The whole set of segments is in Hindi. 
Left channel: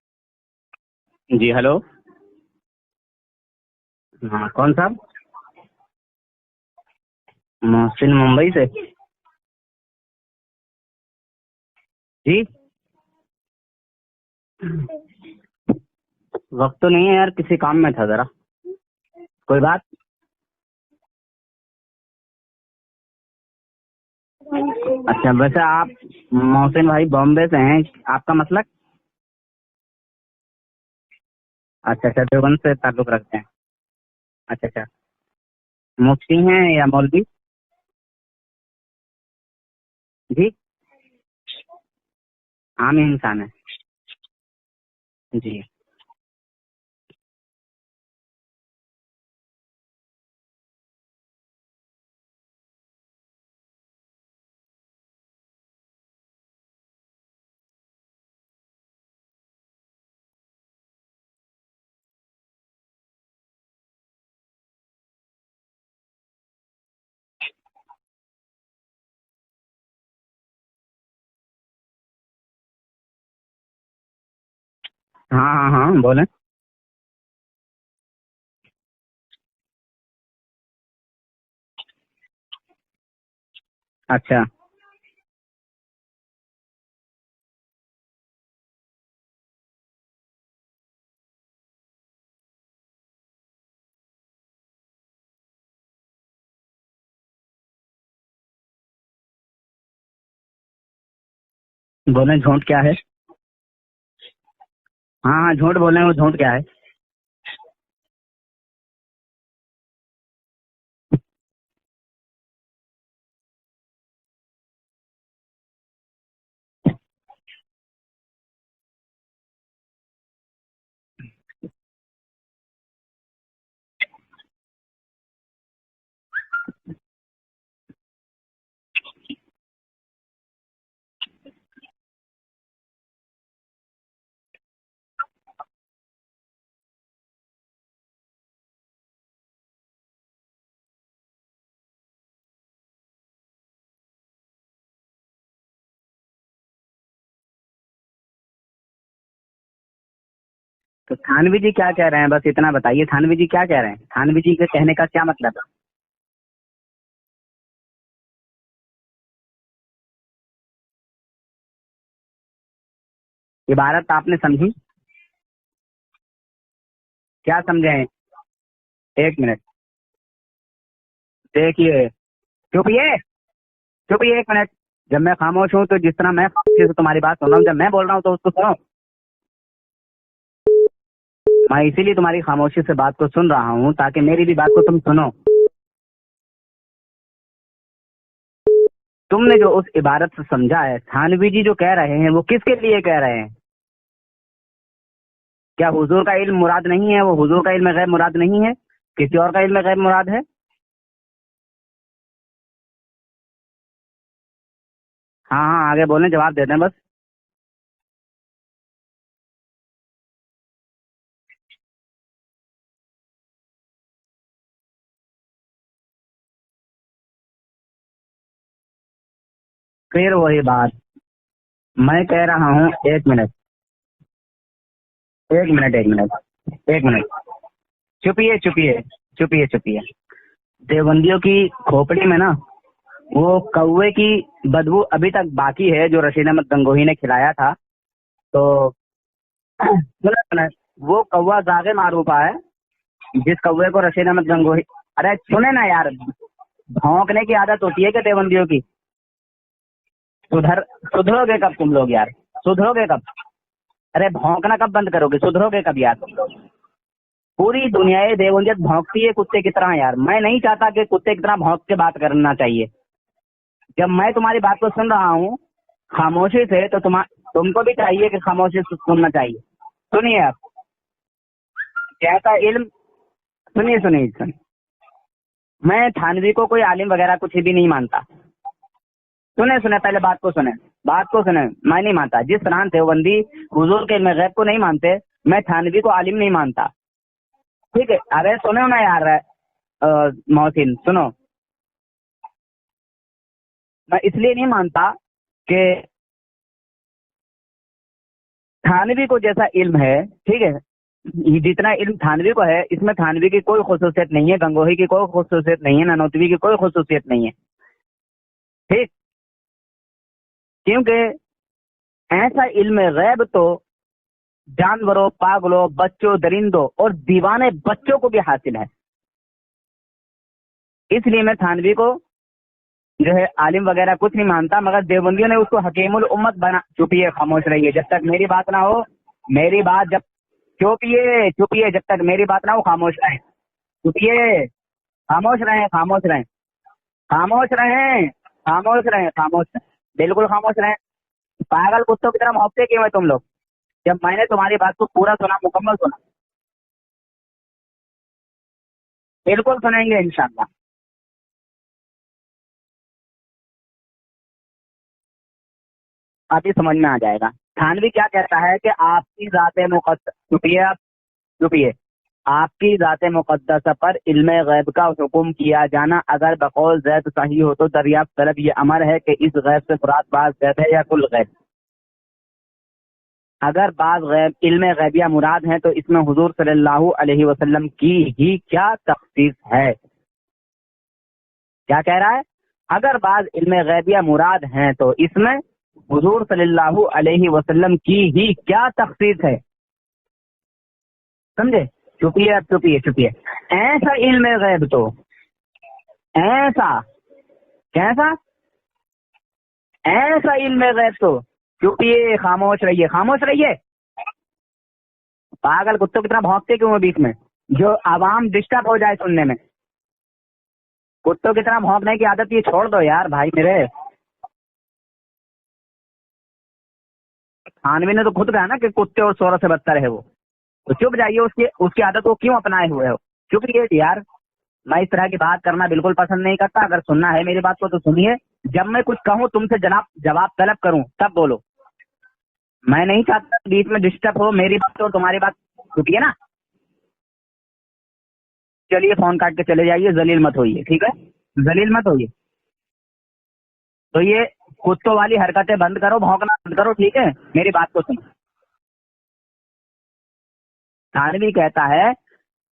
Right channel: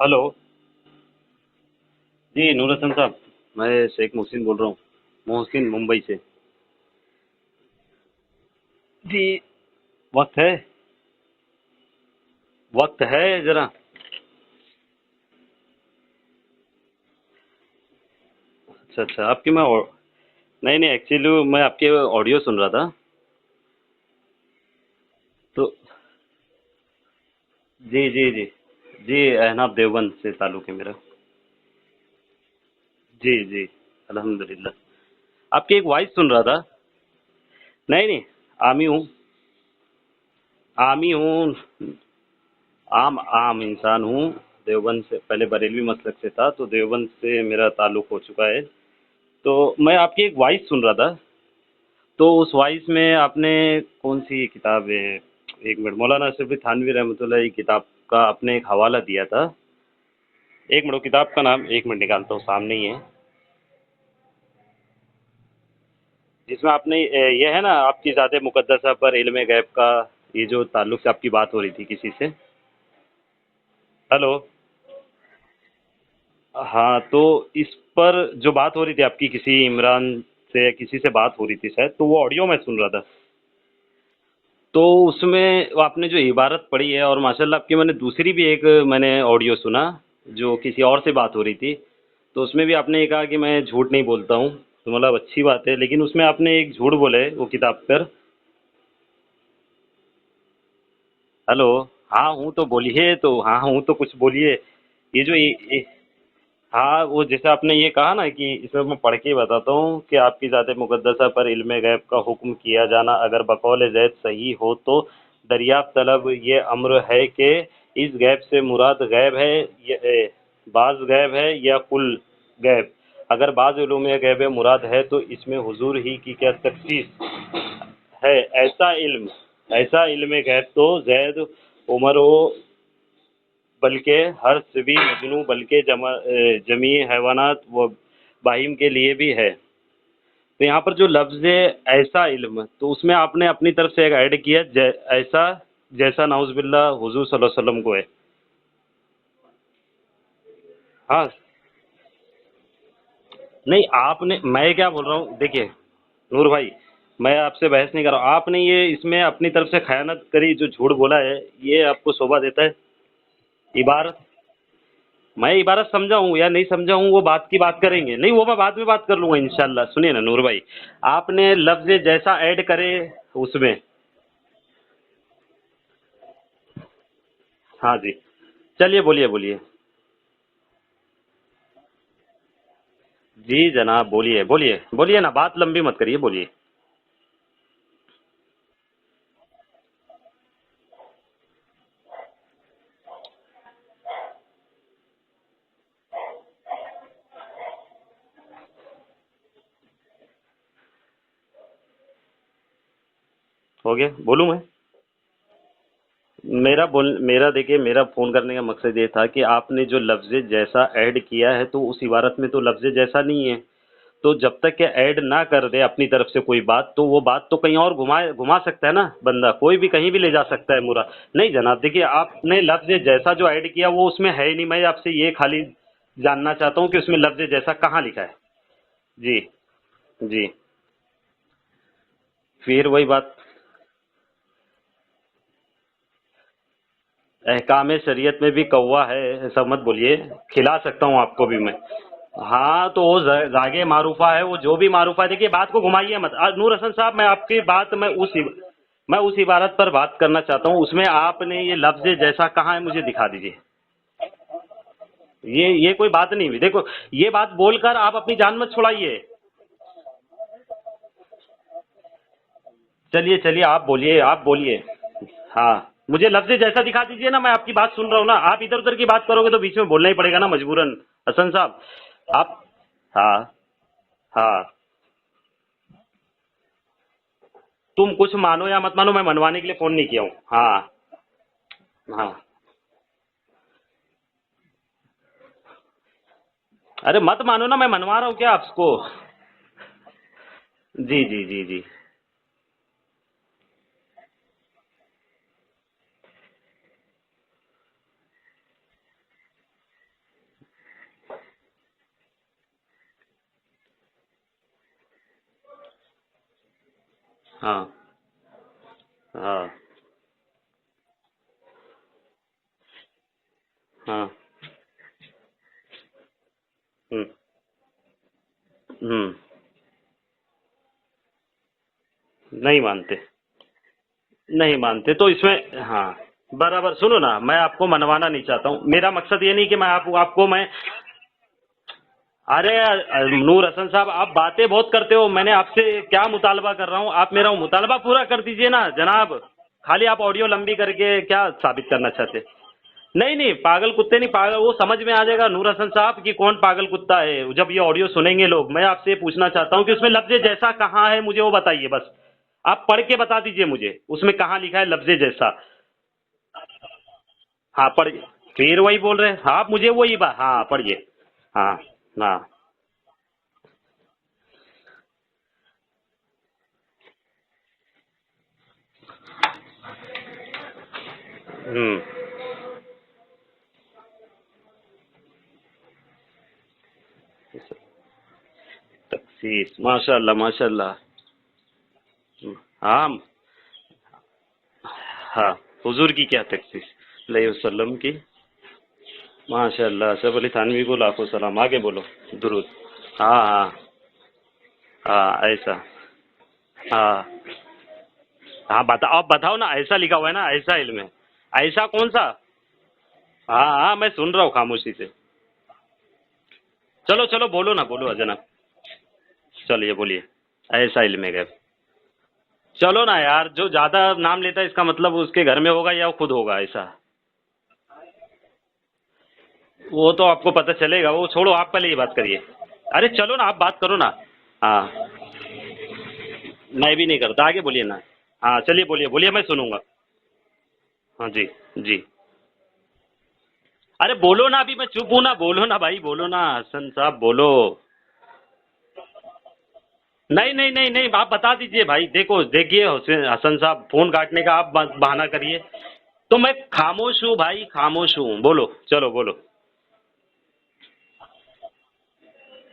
हेलो। जी हेलो। जी नूर हसन साहब, मैं शेख मोहसिन हाँ बोल रहा कौन हूँ। साहब? मोहसिन, मुंबई से। मोहसिन मुंबई से। जी। वक्त है? जी वक्त है जरा? वक्त तो नहीं है यार, किसी काम में था जरा। अच्छा अच्छा, आपकी कोई मैं बात? नहीं नहीं, एक्चुअली मैं आपके ऑडियो सुन रहा था। अच्छा, वैसे तो आप मोहसिन भाई बॉम्बे से हैं? जी जी आपका जी। मतलब? जी, अहनाब देवबंद से ताल्लुक है मेरा। अच्छा अच्छा, देवबंद से ताल्लुक जी रखते हैं। जी। अच्छा अल्हम्दुलिल्लाह। अच्छा। आपकी एक वॉइस सुन मुफ्ती रहा था। हैं या मौलवी? नहीं नहीं, आमी हूँ। जी। आमी हूँ। आम आम इंसान है। आम इंसान हूँ। देवबंद से, पहले जी। बरेलवी मसलक से था, तो देवबंद से मेरा ताल्लुक हो चुका है। तो मैं आपकी एक वॉइस सुन रहा था। तो उस वॉइस में आपने कौन सी किताब है, एक मिनट, मौलाना अशरफ थानवी रहमतुल्लाह की किताब का आपने एक हवाला दिया था। एक मिनट, वो किताब का नाम एक मिनट निकालता हूँ, सामने ही है। जिसमें आपने ये है ना, आपकी ज़ात मुक़द्दसा पर इल्म गैब का, ये जो ताल्लुक से आपकी बात हो रही थी किसी से। हेलो। हाँ हाँ हाँ, बोलें। हाँ, तो इस पर जो बात हो रही थी आपकी, किसी इमरान से या किसी से बात हो रही थी शायद, तो वो ऑडियो मैं सुन रहा था। अच्छा। तो उसमें वो आपने जो इबारत पढ़ी है, और माशाल्लाह आपकी मैंने दूसरी भी एक मैंने ऑडियो सुना, जो किसी और से बात हो रही थी। तो उसमें भी आपने ये कहा कि मैं झूठ नहीं बोलता हूँ, तो मतलब अच्छी बात है, लेकिन उसमें आपने एक झूठ बोला है वो किताब पर। हेलो। हाँ बोलें, हूँ झूठ तो क्या है? बोलिए, तो हाँ हूँ तो कुछ बोलिए। ये जो हाँ हाँ, झूठ बोलें, वो झूठ क्या है? हाँ, वो जैसे आपने ये कहा ना कि इसमें मैं पढ़ के ही बताता हूँ कि आपकी ज़ात मुक़द्दसा पर इल्म गैब का हुक्म किया जाना अगर बकौल ज़ैद सही हो तो दरियाफ़्त तलब ये अम्र है कि इस गैब से मुराद गैब है, बाज़ गैब है या कुल गैब। अगर बाज़ उलूम गैब मुराद है तो इसमें हुजूर ही की क्या तखसीस है। ऐसा इल्म गैब तो जैद, उमर हो, बल्कि हर सभी मजनू, बल्कि जमी हैवानात व बाहिम के लिए भी है। तो यहाँ पर जो लफ्ज़ है ऐसा इल्म, तो उसमें आपने अपनी तरफ से एक ऐड किया ऐसा, जैसा नाउज़ुबिल्लाह हुजूर सल्लल्लाहु अलैहि वसल्लम को है। तो हाँ। थानवी जी क्या कह रहे हैं, बस इतना बताइए, थानवी जी क्या कह नहीं, रहे हैं? आपने, थानवी जी के मैं क्या कहने बोल का रहा क्या हूँ, मतलब है? देखिए नूर भाई, मैं आपसे बहस नहीं कर रहा हूँ। आपने ये इसमें अपनी तरफ से खयानत करी, जो झूठ बोला है, ये आपको शोभा देता है? इबारत इबारत, आपने समझी? मैं इबारत समझा हूँ या नहीं समझा हूँ, वो बात की क्या बात समझे हैं? करेंगे, नहीं वो मैं बाद में बात कर लूंगा एक मिनट। इंशाल्लाह। सुनिए ना नूर भाई, आपने लफ्ज देखिए, जैसा ऐड करें चुपिए। उसमें। चुपिए एक मिनट। जब मैं खामोश हूँ तो जिस तरह मैं खामोशी से तुम्हारी बात सुन रहा हूँ, जब मैं हाँ बोल जी, रहा हूँ तो उसको सुनो। चलिए बोलिए बोलिए। मैं इसीलिए तुम्हारी खामोशी से बात को सुन जी रहा हूँ जनाब, ताकि बोलिए मेरी भी बात बोलिए को तुम बोलिए सुनो। ना, बात लंबी मत करिए, बोलिए। तुमने जो उस इबारत से समझा है, थानवी जी जो कह रहे हैं वो किसके लिए कह रहे हैं? क्या हुजूर का इल्म मुराद नहीं है? वो हुजूर का इल्म गैब मुराद नहीं है, किसी और का इल्म गैब मुराद है? हो गया, बोलूँ मैं? हाँ हाँ, आगे बोलें, जवाब दे दें बस। मेरा देखिए, मेरा फ़ोन करने का मकसद ये था कि आपने जो लफ्ज़ जैसा ऐड किया है, तो उस इबारत में तो लफ्ज़ जैसा नहीं है। तो जब तक कि ऐड ना कर दे अपनी तरफ से कोई बात, तो वो बात तो कहीं और घुमा सकता है ना बंदा, कोई भी कहीं भी ले फिर जा वही सकता है बात। मुरा। नहीं जनाब, देखिए मैं कह आपने रहा हूँ, लफ्ज़ एक जैसा जो मिनट। ऐड किया वो उसमें है ही नहीं। मैं आपसे ये खाली एक मिनट एक मिनट। जानना चाहता हूँ कि एक उसमें मिनट। लफ्ज़ जैसा कहाँ लिखा है। चुपिए चुपिए। जी चुपिए चुपिए। जी। देवबंदियों की खोपड़ी में ना, फिर वही बात, वो कौवे की बदबू अभी तक बाकी है जो रशीद अहमद गंगोही ने खिलाया था। अहकाम शरीयत में भी तो कौवा है, ऐसा मत बोलिए। सुनो सुनो, खिला सकता हूँ वो आपको भी कौवा मैं। जागे मारूफा है। हाँ, तो वो जिस जागे कौवे को रशीद मारूफा है, अहमद वो जो गंगोही, भी मारूफा है। अरे देखिए बात सुने को ना यार, घुमाइए मत नूर हसन साहब, भौंकने की आदत होती है क्या देवबंदियों की? मैं उस इबारत पर बात करना चाहता हूँ, सुधर उसमें सुधरोगे आपने कब ये तुम लफ्ज लोग यार? जैसा कहाँ है मुझे सुधरोगे कब? दिखा दीजिए। अरे भौंकना कब बंद करोगे? सुधरोगे ये कब कोई यार? बात नहीं हुई, देखो ये बात पूरी बोलकर आप दुनिया अपनी जान मत देवबंदियत छुड़ाइए। भौंकती है कुत्ते की तरह यार। मैं नहीं चाहता कि कुत्ते की तरह भौंक के बात करना चाहिए। चलिए चलिए, आप जब बोलिए मैं आप तुम्हारी बात बोलिए। को सुन रहा हूँ हाँ, मुझे लफ्ज खामोशी जैसा से, तो दिखा दीजिए ना, मैं आपकी तुमको बात भी सुन रहा हूँ चाहिए ना। कि आप इधर खामोशी उधर से की बात सुनना करोगे तो चाहिए। बीच में बोलना ही सुनिए पड़ेगा ना यार, मजबूरन, हसन साहब। कैसा आप, इल्म। हाँ सुनिए सुनिए, हाँ, मैं थानवी को कोई आलिम वगैरह कुछ भी नहीं तुम मानता। कुछ मानो या मत मानो, मैं मनवाने की सुने फ़ोन सुने, नहीं पहले किया हूँ। बात को सुने। हाँ बात को सुने। मैं नहीं हाँ। मानता, जिस तरह देवबंदी हुजूर के इल्म गैब को नहीं मानते, मैं थानवी को आलिम नहीं मानता। अरे मत मानो ना, मैं ठीक है, मनवा रहा हूँ क्या अरे सुनो आपको? ना यार, मोहसिन जी सुनो। जी जी जी। मैं इसलिए नहीं मानता कि थानवी को जैसा इल्म है, ठीक है, ये जितना इल्म थानवी को है, इसमें थानवी की कोई खुसूसियत नहीं है, गंगोही की कोई खुसूसियत नहीं है, ननौतवी की कोई खुसूसियत नहीं है। हाँ ठीक, हाँ क्योंकि ऐसा इल्म गैब तो हाँ जानवरों, पागलों, बच्चों, दरिंदों और दीवाने बच्चों को भी हासिल है। इसलिए मैं थानवी को नहीं मानते, जो है आलिम वगैरह कुछ नहीं मानता, मगर तो देवबंदियों ने इसमें उसको हकीमुल उम्मत बना। बराबर सुनो ना, मैं आपको मनवाना नहीं मेरी बात चाहता ना हूँ, हो, मेरा मकसद ये नहीं कि मेरी मैं बात आपको मैं चुपिए, जब तक मेरी बात ना हो खामोश अरे रहें। नूर हसन साहब, आप बातें बहुत करते हो, मैंने आपसे क्या मुतालबा कर रहा हूँ, आप मेरा मुतालबा पूरा कर दीजिए ना जनाब। खाली आप ऑडियो लंबी करके क्या साबित करना चाहते हैं? नहीं, पागल कुत्ते नहीं, पागल वो समझ में आ जाएगा नूर हसन साहब कि कौन पागल कुत्ता है जब ये ऑडियो सुनेंगे लोग। मैं आपसे पूछना चाहता हूँ कि उसमें लफ्ज़े जैसा कहाँ है, मुझे वो बताइए बस। आप पढ़ के बता दीजिए मुझे, उसमें कहाँ लिखा है लफ्ज़े जैसा। आप ही समझ में आ जाएगा। हाँ, थानवी क्या कहता है, फिर वही बोल रहे हैं आप मुझे वही बात। हाँ चुपिए, आपकी ज़ाते मुक़द्दसा पर इल्मे गैब का हुक्म किया जाना अगर बकौल ज़ैद सही हो तो दरियाफ्त तलब ये अमर है कि इस गैब से मुराद बाज़ गैब है या कुल गैब। अगर बाज़ गैब इल्मे गैबिया मुराद है तो इसमें हुजूर सल्लल्लाहु अलैहि वसल्लम की ही क्या तख़सीस है। माशाअल्लाह माशाअल्लाह। क्या कह रहा है? अगर बाज़ इल्मे गैबिया मुराद हैं तो इसमें हुजूर सल्लल्लाहु अलैहि वसल्लम की ही क्या तख़सीस है। माशाअल्लाह। सैफ अली थानवी को लाखों सलाम। आगे बोलो। चुपिए। ऐसा इल्म गैब तो ऐसा कैसा? हाँ बताओ, आप बताओ ना, ऐसा लिखा हुआ है ना, ऐसा इल्म गैब तो ऐसा कौन सा? खामोश रहिए। हाँ मैं सुन रहा हूँ खामोशी से। पागल कुत्तों की तरह भौंकते क्यों बीच में? चलो बोलो ना, जो आवाम डिस्टर्ब हो जाए सुनने में। चलिए बोलिए। ऐसा इल्म कुत्तों की तरह भौंकने की आदत ये छोड़ दो यार भाई जो मेरे। ज्यादा नाम लेता है इसका मतलब उसके घर में होगा या वो खुद होगा ऐसा? थानवी ने तो खुद कहा ना कि कुत्ते और सोरा से बदतर है। वो तो आपको पता चलेगा, वो छोड़ो, आप पहले ये बात आदत को क्यों अपनाए हुए? अरे चलो ना, आप बात करो ना। मैं इस तरह की बात करना बिल्कुल पसंद नहीं करता। अगर सुनना है मेरी बात को तो सुनिए। जब मैं कुछ कहूँ तुमसे जवाब तलब करूँ तब बोलो जी। मैं नहीं चाहता बीच में डिस्टर्ब हो मेरी बात तो तुम्हारी बात। बोलो ना भाई, बोलो ना हसन साहब, बोलो। चलिए फोन काट के चले जाइए, जलील मत होइए। नहीं, आप बता दीजिए भाई। देखिए हसन साहब, फोन काटने का आप कुत्तों वाली हरकतें बंद करो। तो मैं खामोश हूँ भाई, खामोश हूँ। बोलो, चलो बोलो। थानवी कहता है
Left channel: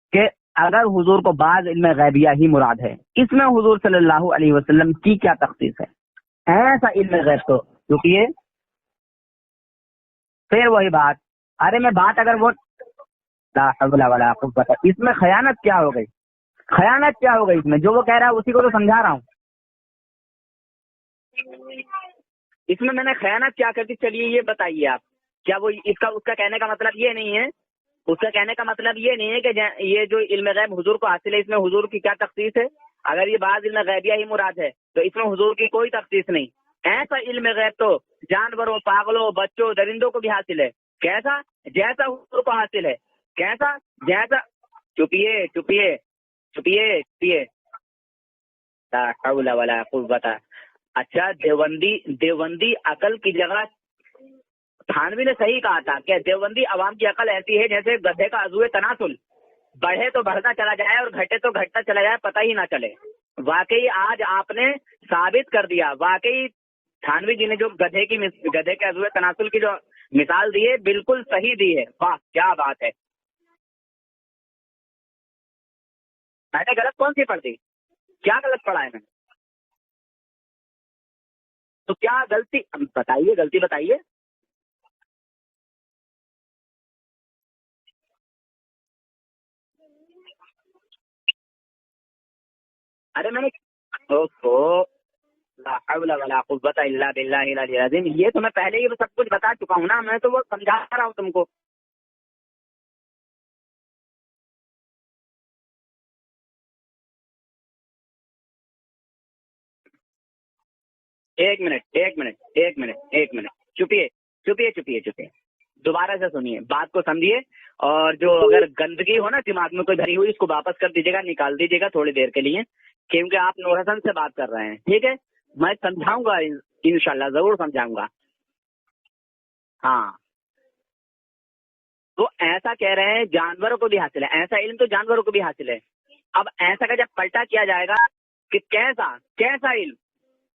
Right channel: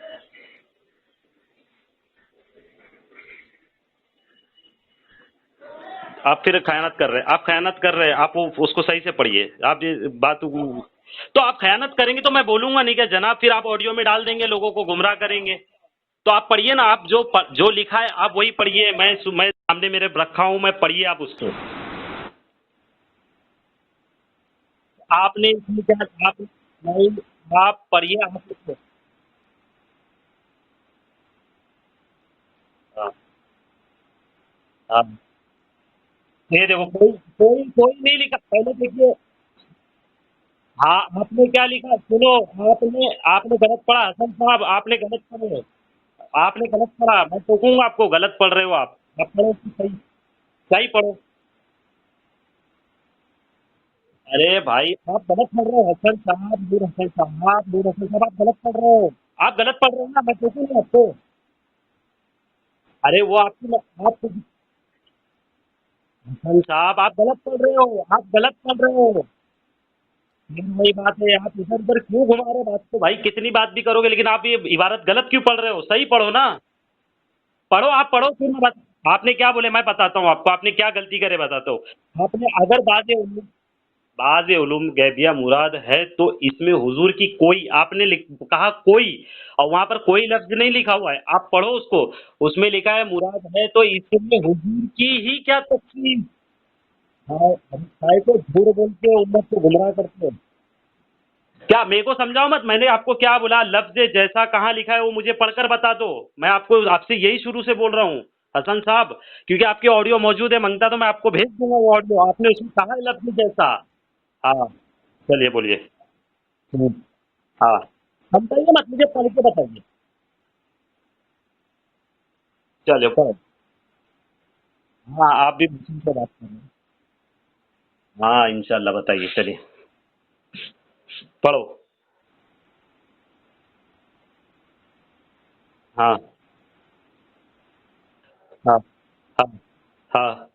कि अगर हुजूर को बाज इल्म गैबिया ही मुराद है, इसमें हुजूर सल्लल्लाहु अलैहि वसल्लम की क्या तख़सीस है? आप फिर खयानत कर रहे हैं, आप उसको सही से पढ़िए। आप ये बात फिर वही बात। तो आप खयानत करेंगे तो मैं बोलूंगा नहीं क्या जनाब? फिर आप ऑडियो में डाल देंगे, लोगों को गुमराह करेंगे। खयानत क्या हो गई? तो आप पढ़िए ना, आप जो लिखा है आप वही पढ़िए। मैं सामने मेरे रखा हूँ, मैं पढ़िए आप उसको। इसमें मैंने खयानत क्या कर दी, चलिए ये बताइए आप। आपने क्या वो उसका कहने का मतलब ये नहीं है, आप पढ़िए। उसका कहने का मतलब ये नहीं है कि ये जो इल्म गैब हुजूर को हासिल है, इसमें हुजूर की क्या तख़सीस है? अगर ये बाज़ इल्म गैबिया ही मुराद है तो इसमें हुजूर की कोई तख़सीस नहीं। ऐसा इल्म गैब तो जानवरों, पागलों, बच्चों, दरिंदों को भी हासिल है। कैसा? जैसा हुजूर को हासिल है। आपने चुपिए आपको गलत पढ़ रहे हो आप। बता सही पढ़ो। अच्छा, देवबंदी अकल की जगह। अरे भाई थानवी ने सही कहा था कि देवबंदी अवाम की अकल ऐसी है जैसे गधे का अज़ूए तनाजुल। आप गलत पढ़े तो बढ़ता चला जाए और घटे तो घटता चला जाए, पता ही ना चले। अरे वो वाकई आज आपने साबित कर दिया। वाकई थानवी जी ने जो गधे के अज़ूए तनाजुल की जो मिसाल दी है, बिल्कुल सही दी है। क्या बात है भाई, कितनी बात भी करोगे लेकिन आप ये इबारत गलत क्यों पढ़ रहे हो? सही पढ़ो ना। मैंने गलत कौन सी पढ़ दी? पढ़ो, आप पढ़ो। आपने क्या बोले मैं बताता हूँ आपको, आपने क्या गलती करे बताता हूँ। तो क्या गलती? गलती बताइए। बाज़ उलूम गैबिया मुराद है तो इसमें हुजूर की कोई, आपने कहा कोई, और वहाँ पर कोई लफ्ज नहीं लिखा हुआ है। आप पढ़ो उसको, उसमें लिखा है मुराद है तो इसमें हुजूर की ही क्या तक़सीस। ये तो मैं पहले ही सब कुछ बता चुका हूं ना, मैं तो वो समझा रहा हूँ तुमको। क्या मेरे को समझाओ मत, मैंने आपको क्या बोला? लफ्ज जैसा कहाँ लिखा है वो मुझे पढ़कर बता दो। मैं आपसे यही शुरू से बोल रहा हूँ हसन साहब, क्योंकि आपके ऑडियो मौजूद है, मांगता तो मैं आपको भेज दूंगा वो ऑडियो। आपने कहा लफ्ज जैसा। चुपिए। चलिए बोलिए, दोबारा से सुनिए, बात को समझिए। और जो अगर गंदगी हो ना दिमाग में कोई भरी हुई, इसको वापस कर दीजिएगा, निकाल दीजिएगा थोड़ी देर के लिए, क्योंकि आप नूर हसन से बात कर रहे हैं। ठीक है, मैं समझाऊंगा, इंशाल्लाह जरूर समझाऊंगा। हाँ इंशाल्लाह, बताइए। चलिए हाँ पढ़ो। तो ऐसा कह रहे हैं जानवरों को भी हासिल है, ऐसा इल्म तो जानवरों को भी हासिल है। हाँ। अब ऐसा का जब पलटा किया जाएगा कि कैसा इल्म। हाँ।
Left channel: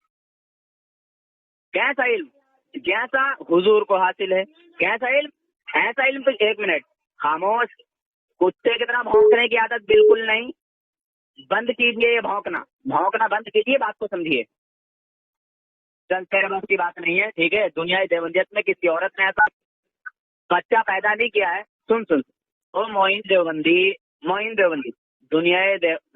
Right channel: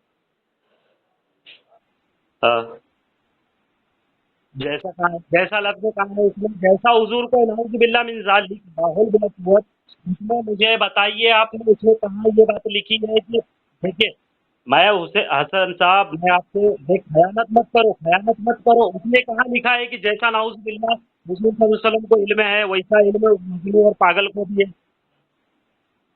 कैसा इल्म? हाँ। जैसा हुजूर को हासिल है। कैसा इल्म? जैसा लफ्ज़ ऐसा इल्म तो एक मिनट, जैसा हुजूर को बिल्ला मिन ज़ालिक कुत्ते की तरह भौंकने की आदत बिल्कुल नहीं। मुझे बताइए आप बंद कीजिए भौंकना, लिखी भौंकना बंद कीजिए, बात को समझिए। मैं उसे हसन साहब दस ग्यारह बात की बात नहीं है, ठीक है। दुनिया देवंदियत में किसी औरत ने ऐसा लिखा है कि जैसा नाउज़ बच्चा पैदा नहीं किया है। को इल्म है वैसा मोइन देवबंदी, पागल मोइन देवबंदी,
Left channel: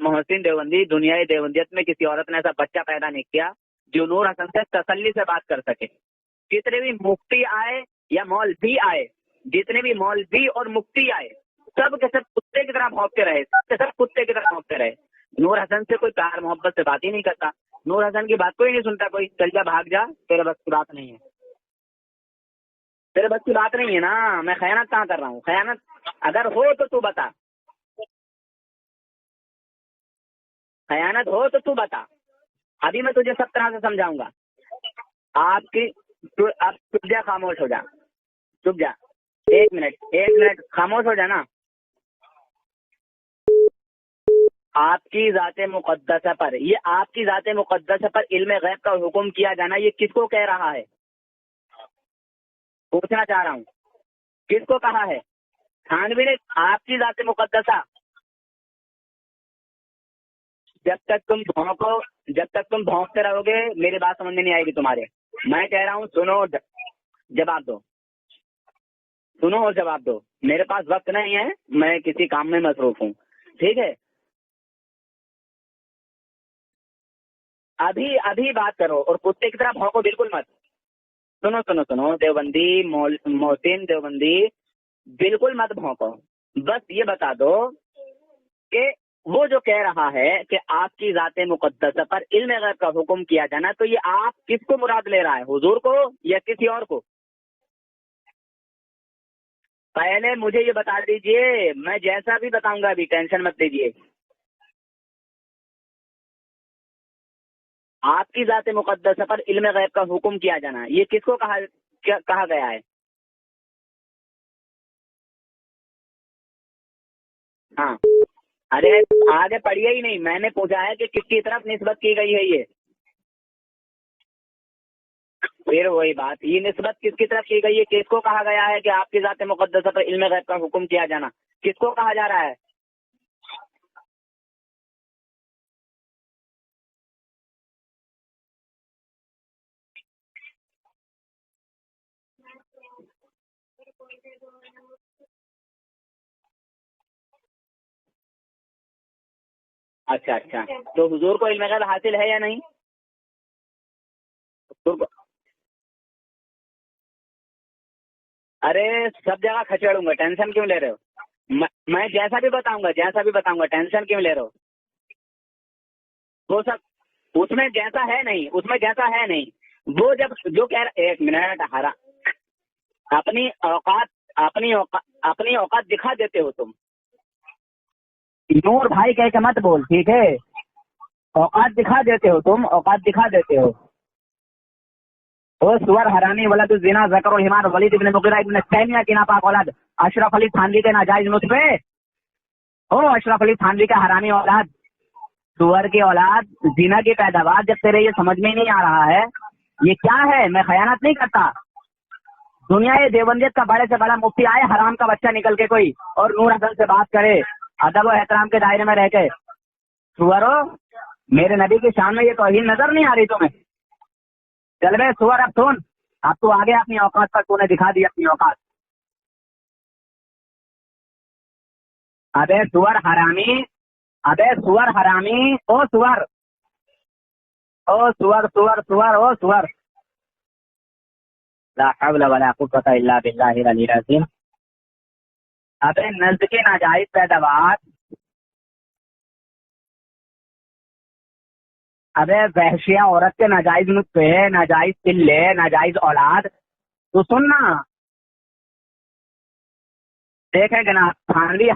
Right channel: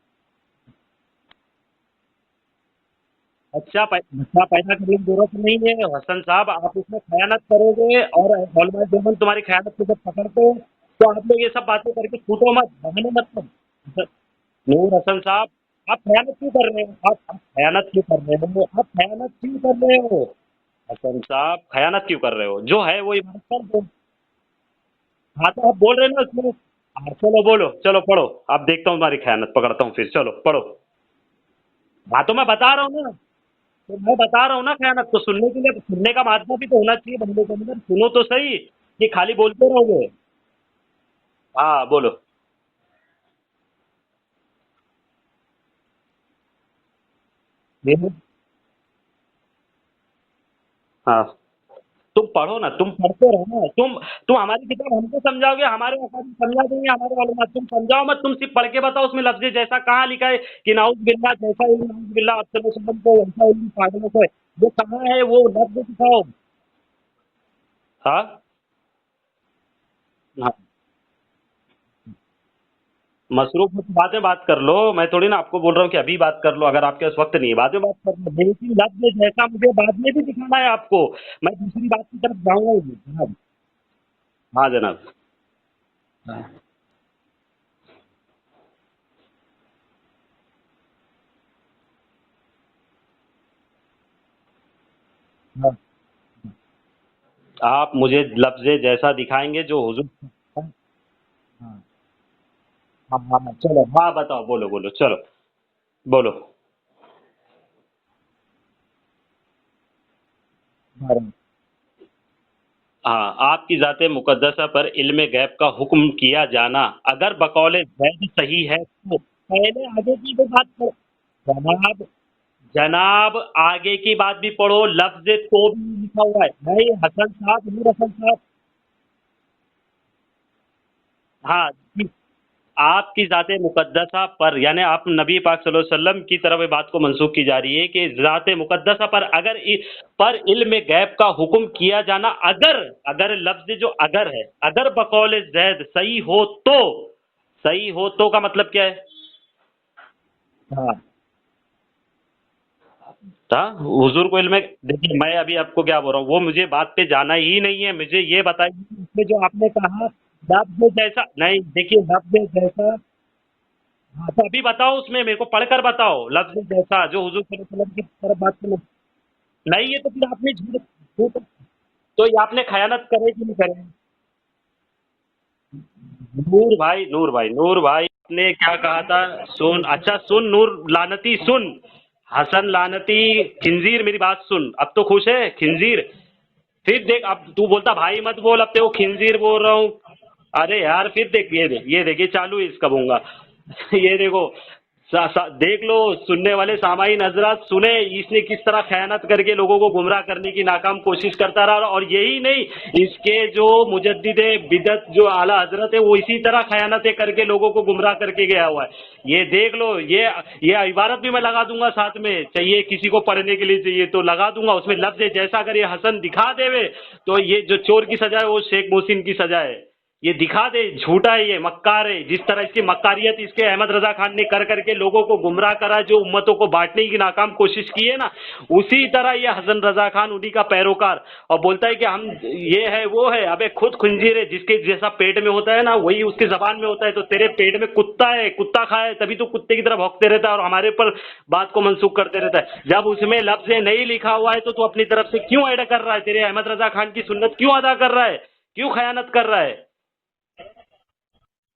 मोहसिन देवबंदी, दुनिया देवंदियत में किसी औरत ने ऐसा बच्चा पैदा नहीं किया। अच्छा जो नूर हसन से तसल्ली से बात कर सके। हसन साहब जितने भी मुफ्ती आए या मौलवी आए, जितने भी मौलवी और मुफ्ती आए, ये सब बातें सब के सब कुत्ते की तरह भौंकते रहे, सब कुत्ते की तरह भौंकते रहे। हसन साहब, नूर हसन से कोई प्यार मोहब्बत से बात ही नहीं करता। नूर हसन की बात कोई नहीं सुनता, कोई चल जा भाग जा, तेरे बस की बात नहीं। हसन साहब खयानत क्यों कर रहे हो? जो है वो तेरे बस की बात नहीं है ना, मैं खयानत कहाँ कर रहा हूँ? आप बोल रहे हो अगर हो तो तू बता। चलो बोलो, चलो पढ़ो, आप देखता हूँ तुम्हारी खयानत पकड़ता हूँ फिर। चलो पढ़ो। खयानत हो तो तू बता। हाँ तो मैं बता रहा अभी हूँ, मैं तुझे सब तरह से मैं समझाऊंगा। बता रहा हूँ ना खयानत को सुनने का मार्ग भी तो होना चाहिए। खामोश हो जा, सुनो तो सही, चुप जा, ये खाली बोलते रहोगे। एक मिनट खामोश हो जाना। हाँ बोलो। आपकी जाते मुकद्दसा पर, ये आपकी जाते मुकद्दसा पर इल्म गैब का हुक्म किया जाना, ये किसको कह रहा है? हाँ तुम पढ़ो ना, तुम हमारे को समझाओगे, हमारे समझाओ मत, तुम सिर्फ पढ़ के बताओ उसमें लफ्ज़ जैसा कहाँ लिखा है कि नाउज़ बिल्लाह। जब तक तुम भौंकते रहोगे मेरी बात समझ नहीं आएगी तुम्हारे। वो मैं कह रहा हूँ, सुनो जवाब दो। हाँ सुनो और जवाब दो। मेरे पास वक्त नहीं है, मैं किसी काम में मसरूफ हूँ। मसरूफ बाद में बात कर लो, मैं थोड़ी ना आपको बोल रहा हूँ कि अभी बात कर लो, अगर आपके पास वक्त नहीं है बाद में अभी बात करो। और बिल्कुल मत है आपको। सुनो सुनो सुनो, देवबंदी मोहसिन देवबंदी, हाँ जनाब, बिल्कुल मत भौंको। बस ये बता दो कि वो जो कह रहा है कि आपकी जाते मुकद्दसा पर इल्म गैब का हुक्म किया जाना, तो ये आप किसको मुराद ले रहा है, हुजूर को या किसी और को? आप मुझे लफ्ज़ जैसा दिखाएंगे जो हुजूर। पहले मुझे ये बता दीजिए, मैं जैसा भी बताऊंगा, अभी टेंशन मत लीजिए। हाँ बताओ, बोलो बोलो, चलो बोलो। आपकी जाते मुकद्दसा पर इल्म गैब का हुक्म किया जाना, ये किसको कहा गया है? हाँ, आपकी जाते मुकद्दसा पर इल्म गैब का हुक्म किया जाना अगर बकौल सही है। अरे आगे बढ़िए ही नहीं, मैंने पूछा है कि किसकी तरफ निस्बत की गई है ये। जनाब आगे की बात भी पढ़ो, लफ्ज़ तो फिर वही बात, ये निस्बत किसकी तरफ की गई है? किसको कहा गया है कि आपकी जाते मुकद्दसा पर इल्म गैब का हुक्म किया जाना? हाँ, किसको कहा जा रहा है? आपकी जाते मुकद्दसा पर, यानी आप नबी पाक सल्लल्लाहु अलैहि वसल्लम की तरफ बात को मंसूब की जा रही है कि जाते मुकद्दसा पर अगर पर इल्म गैब का हुक्म किया जाना, अगर लफ्ज़ जो अगर है, अगर बकौल ज़ैद सही हो तो का मतलब क्या है? अच्छा अच्छा, तो हुजूर को इल्म गैब हासिल है या नहीं? हुजूर को इल्म, मैं अभी आपको क्या बोल रहा हूँ, वो मुझे बात पे जाना ही नहीं है, मुझे ये बता। अरे टेंशन क्यों ले रहे हो? जैसा नहीं देखिए, जैसा भी बताऊंगा, टेंशन क्यों ले रहे हो? अभी बताओ, उसमें मेरे को पढ़कर बताओ लफ्ज़ जैसा जो हुजूर, उसमें जैसा है नहीं, उसमें जैसा है नहीं। नहीं वो जो कह रहा, एक मिनट हरा, तो ये आपने खयानत अपनी औकात दिखा देते हो। नूर भाई ने क्या कहा था? सुन, अच्छा सुन नूर लानती, सुन, दिखा देते हो हसन लानती खिंजीर, मेरी बात सुन। अब तो खुश है खिंजीर, हरामी वाला तो जिना अशरफ अली थानवी के नाजायज मुझपे, ये देखिए चालू है इसका। अशरफ अली थानवी का हरामी औलाद, देख लो, सुनने वाले सामाई नजरात सुने, समझ में नहीं आ रहा है करके लोगों को गुमराह करने की नाकाम कोशिश करता रहा। और यही नहीं, जो मुजद्दिद बिदअत जो आला हज़रत है वो इसी तरह खयानतें करके लोगों को गुमराह करके गया है। ये देख लो, ये इबारत भी मैं लगा दूंगा सामने, ये किसी को पढ़ने के लिए चाहिए तो लगा दूंगा उसमें लफ्ज़ जैसा अगर ये हसन दिखा दे तो ये जो चोर की सजा है वो शेख मोहसिन की सजा है। ये दिखा दे, झूठा है, ये मक्कार है। जिस तरह की मक्कारियत के अहमद रजा खान ने कर करके लोगों को गुमराह करा, जो उम्मतों को बांटने की नाकाम कोशिश की है ना, उसी तरह ये हसन रजा खान उन्हीं का पैरोकार, और बोलता है कि ये है वो है, हमें खुद खंजीर है, जिसके जैसा पेट में होता है ना वही उसके ज़बान में होता है। तो तेरे पेट में कुत्ता है, कुत्ता खाए तभी तो कुत्ते की तरह भौंकते रहता है और हमारे पर बात को मंसूख करते रहता है। जब उसमें लफ्ज़ नहीं लिखा हुआ है तो अपनी तरफ से क्यों अदा कर रहा है? तेरे अहमद रजा खान की सुन्नत क्यों अदा कर रहा है? क्यों खयानत कर रहा है? देखें जनाब थानवी